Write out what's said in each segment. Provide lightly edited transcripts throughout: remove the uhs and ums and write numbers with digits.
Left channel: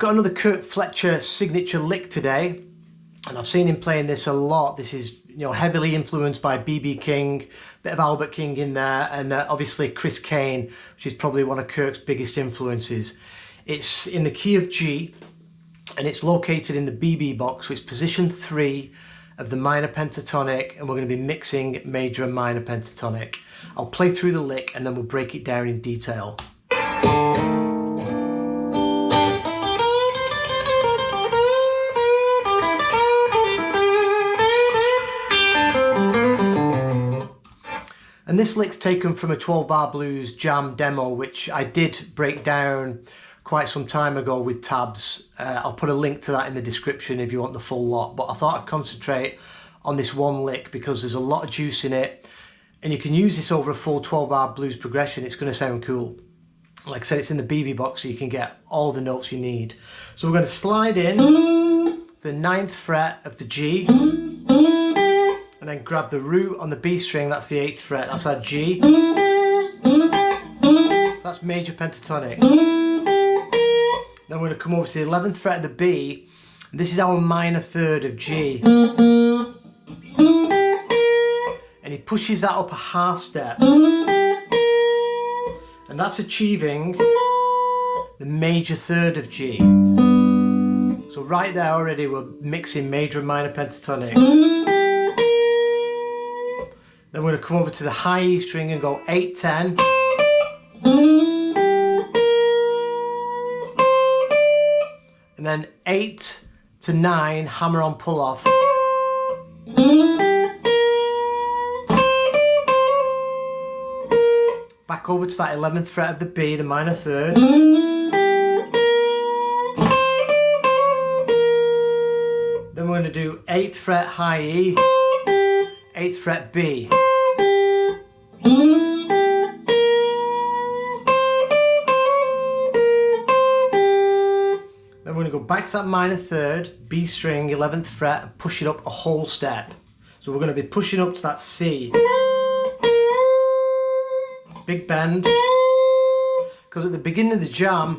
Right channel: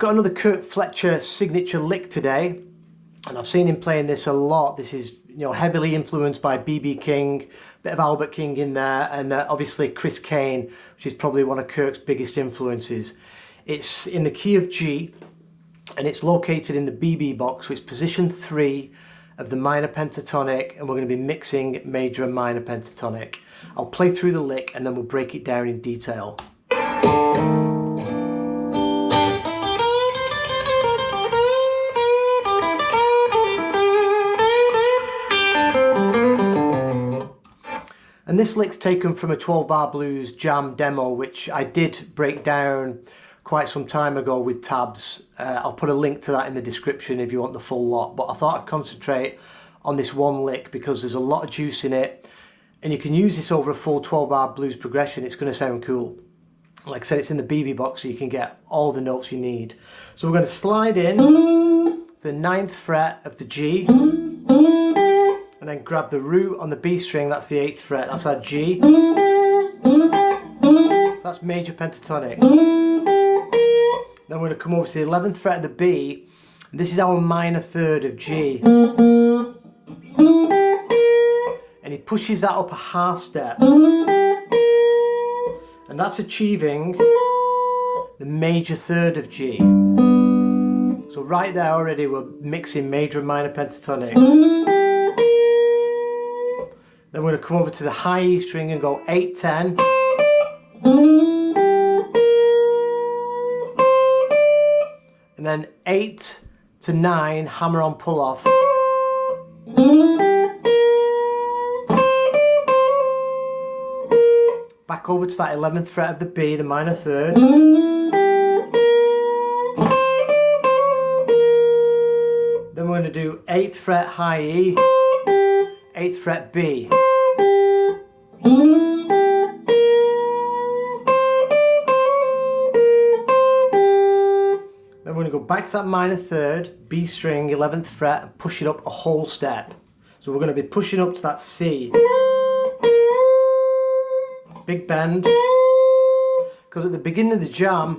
got another Kirk Fletcher signature lick today, and I've seen him playing this a lot. This is, you know, heavily influenced by bbking, bit of Albert King in there, and obviously Chris Kane, which is probably one of Kirk's biggest influences. It's in the key of G, and it's located in the BB box, so it's position 3 of the minor pentatonic, and we're going to be mixing major and minor pentatonic. I'll play through the lick and then we'll break it down in detail. And this lick's taken from a 12-bar blues jam demo, which I did break down quite some time ago with tabs. I'll put a link to that in the description if you want the full lot, but I thought I'd concentrate on this one lick because there's a lot of juice in it, and you can use this over a full 12-bar blues progression. It's going to sound cool. Like I said, it's in the BB box, so you can get all the notes you need. So we're going to slide in the 9th fret of the G, and then grab the root on the B string, that's the 8th fret, that's our G. That's major pentatonic. Then we're going to come over to the 11th fret of the B, and this is our minor third of G. And he pushes that up a half step. And that's achieving the major third of G. So right there already we're mixing major and minor pentatonic. Then we're going to come over to the high E string and go 8, 10. And then 8 to 9, hammer on pull off. Back over to that 11th fret of the B, the minor third. Then we're going to do 8th fret high E, 8th fret B. Then we're going to go back to that minor third, B string, 11th fret, and push it up a whole step. So we're going to be pushing up to that C. Big bend, because at the beginning of the jam,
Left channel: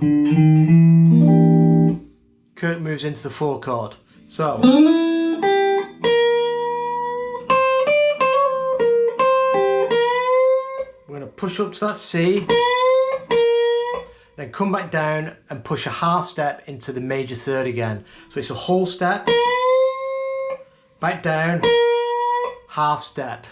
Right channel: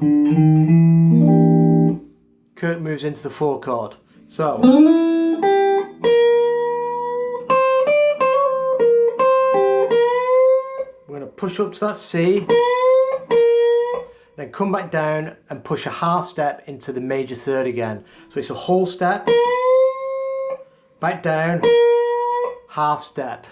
Kirk moves into the 4 chord. So we're going to push up to that C, then come back down and push a half step into the major third again. So it's a whole step, back down, half step.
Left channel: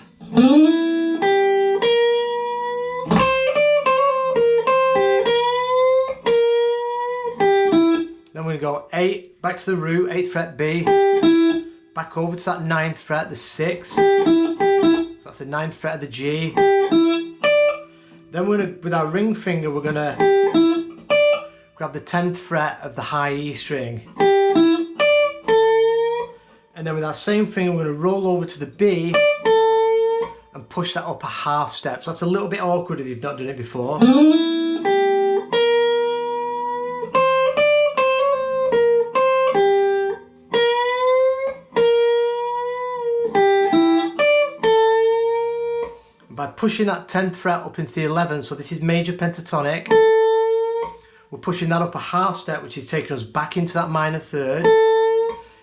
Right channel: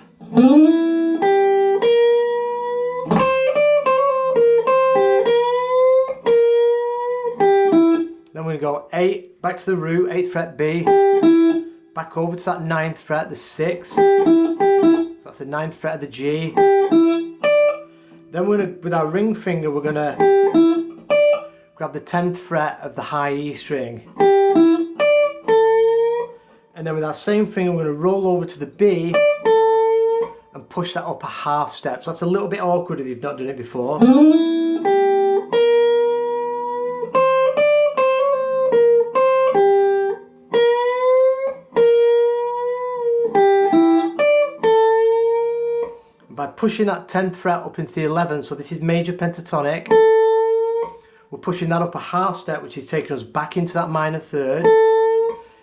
Then we're going to go 8, back to the root, 8th fret B, back over to that 9th fret, the 6th, so that's the 9th fret of the G. Then we're going to, with our ring finger, we're going to grab the 10th fret of the high E string. And then with that same finger, we're going to roll over to the B and push that up a half step. So that's a little bit awkward if you've not done it before. By pushing that 10th fret up into the 11th, so this is major pentatonic, we're pushing that up a half step, which is taking us back into that minor third.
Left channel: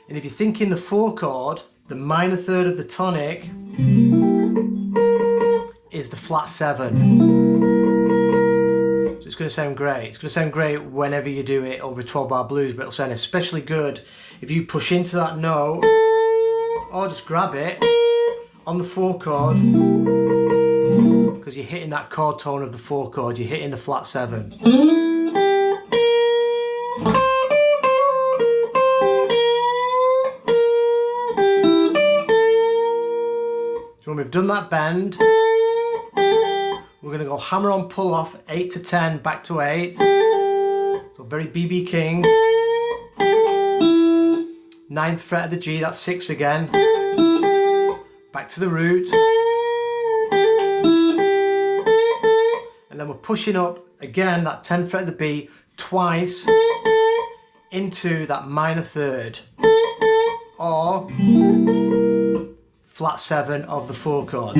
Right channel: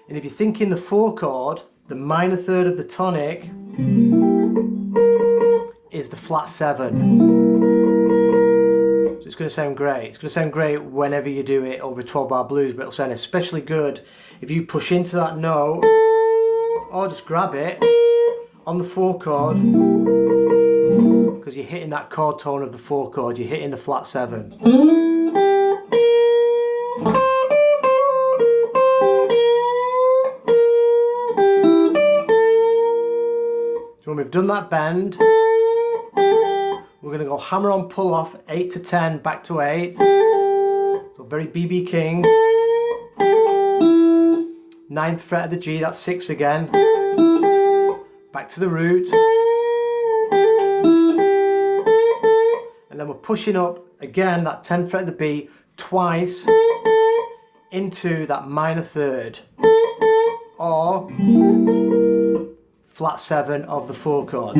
And if you think in the 4 chord, the minor third of the tonic is the flat 7. So it's going to sound great. It's going to sound great whenever you do it over a 12-bar blues, but it'll sound especially good if you push into that note, or just grab it on the 4 chord, because you're hitting that chord tone of the 4 chord, you're hitting the flat 7. So when we've done that bend, we're going to go hammer on pull off, 8 to 10, back to 8. So very BB King. 9th fret of the G, that's 6 again. Back to the root. And then we're pushing up again that 10th fret of the B twice into that minor third, or flat 7 of the 4 chord.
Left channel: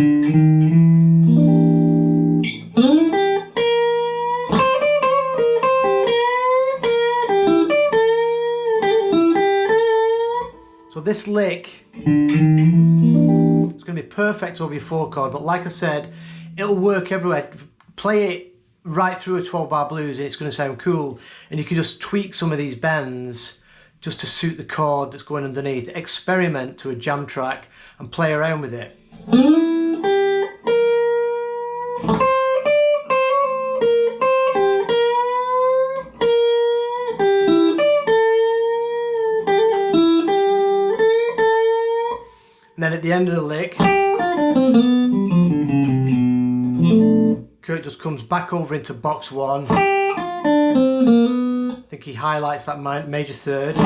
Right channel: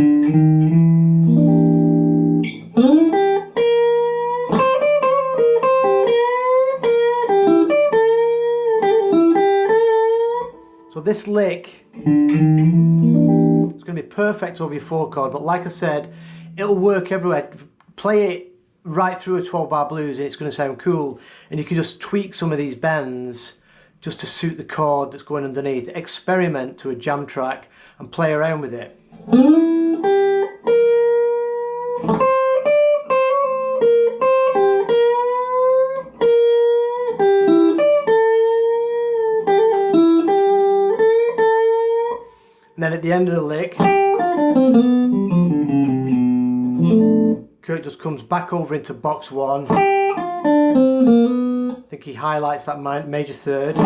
this lick, it's going to be perfect over your 4 chord, but like I said, it'll work everywhere. Play it right through a 12 bar blues and it's going to sound cool, and you can just tweak some of these bends just to suit the chord that's going underneath. Experiment to a jam track and play around with it. And then at the end of the lick, Kirk just comes back over into box 1. I think he highlights that major third.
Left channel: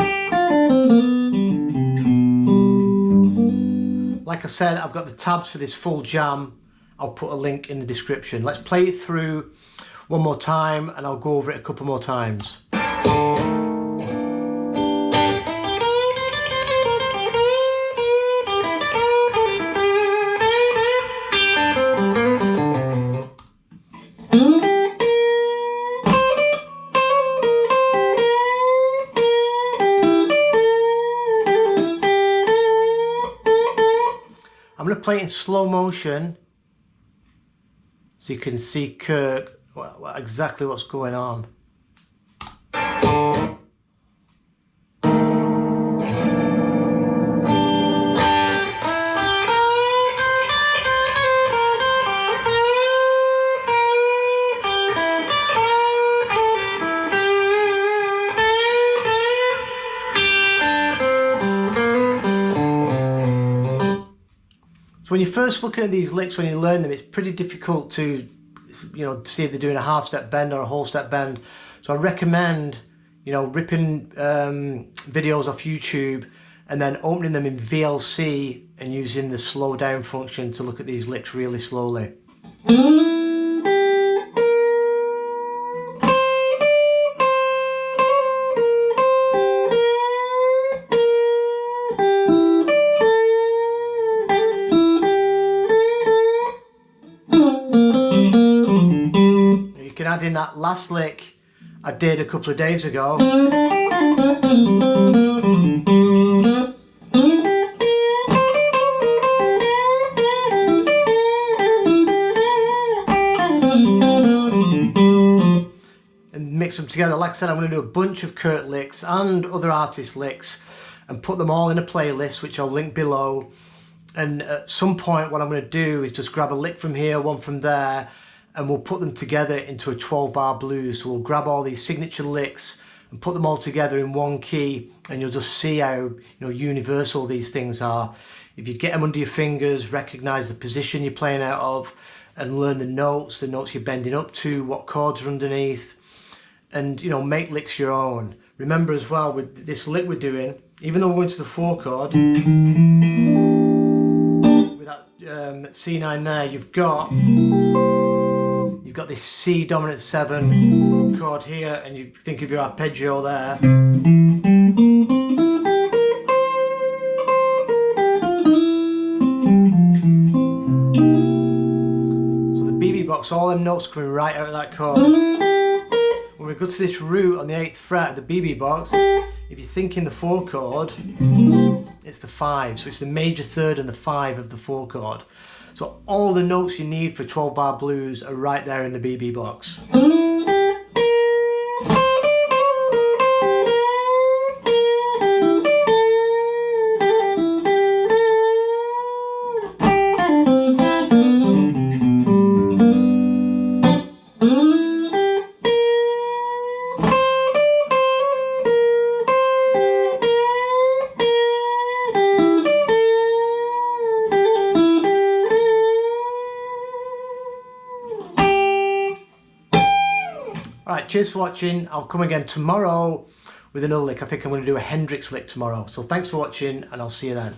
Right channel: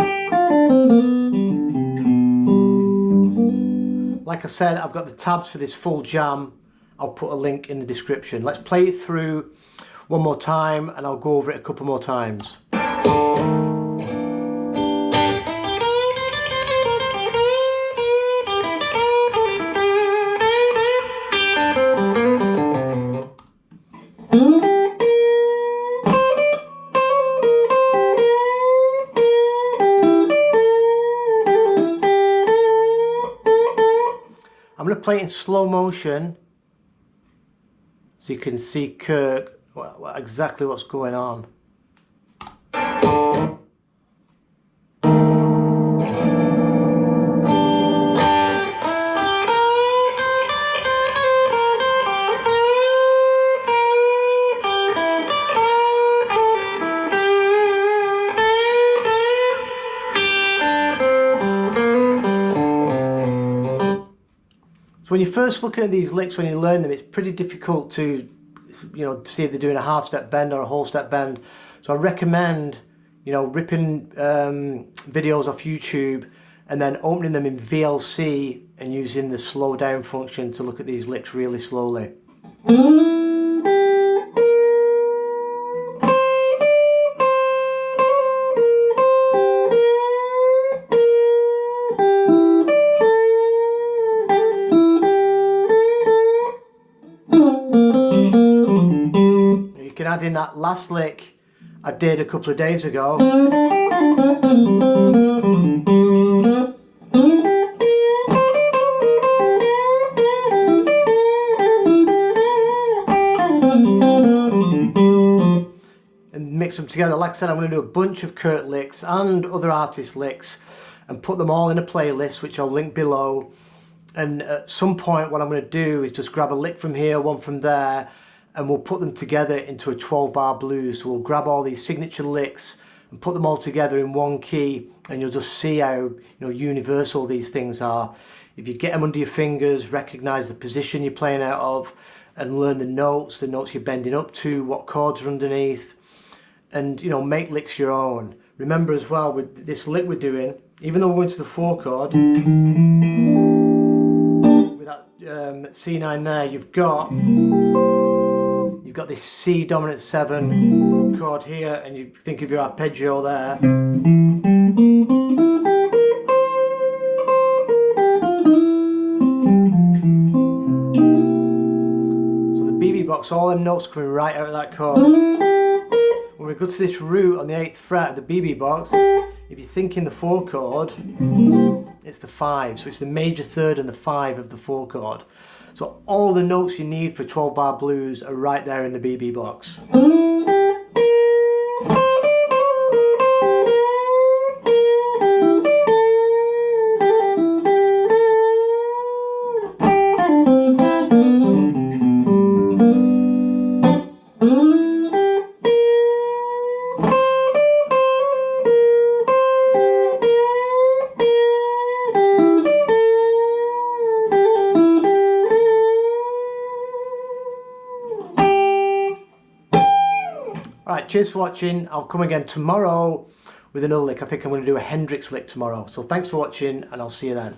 Like I said, I've got the tabs for this full jam. I'll put a link in the description. Let's play it through one more time and I'll go over it a couple more times. I'm going to play it in slow motion so you can see Kirk, exactly what's going on. So when you're first looking at these licks, when you learn them, it's pretty difficult to, see if they're doing a half step bend or a whole step bend. So I recommend, ripping videos off YouTube and then opening them in VLC and using the slow down function to look at these licks really slowly. You can add in that last lick I did a couple of days ago. And mix them together. Like I said, I'm going to do a bunch of Kirk licks and other artist licks and put them all in a playlist, which I'll link below. And at some point what I'm going to do is just grab a lick from here, one from there, and we'll put them together into a 12 bar blues. So we'll grab all these signature licks and put them all together in one key, and you'll just see how universal these things are. If you get them under your fingers, recognize the position you're playing out of, and learn the notes you're bending up to, what chords are underneath, and make licks your own. Remember as well, with this lick we're doing, even though we're going to the 4 chord, with that C9 there, you've got this C dominant 7 chord here, and you think of your arpeggio there. So the BB box, all them notes coming right out of that chord. When we go to this root on the 8th fret of the BB box, if you're thinking the 4 chord, it's the 5. So it's the major third and the 5 of the 4 chord. So all the notes you need for 12 bar blues are right there in the BB box. Alright, cheers for watching. I'll come again tomorrow with another lick. I think I'm going to do a Hendrix lick tomorrow. So thanks for watching, and I'll see you then.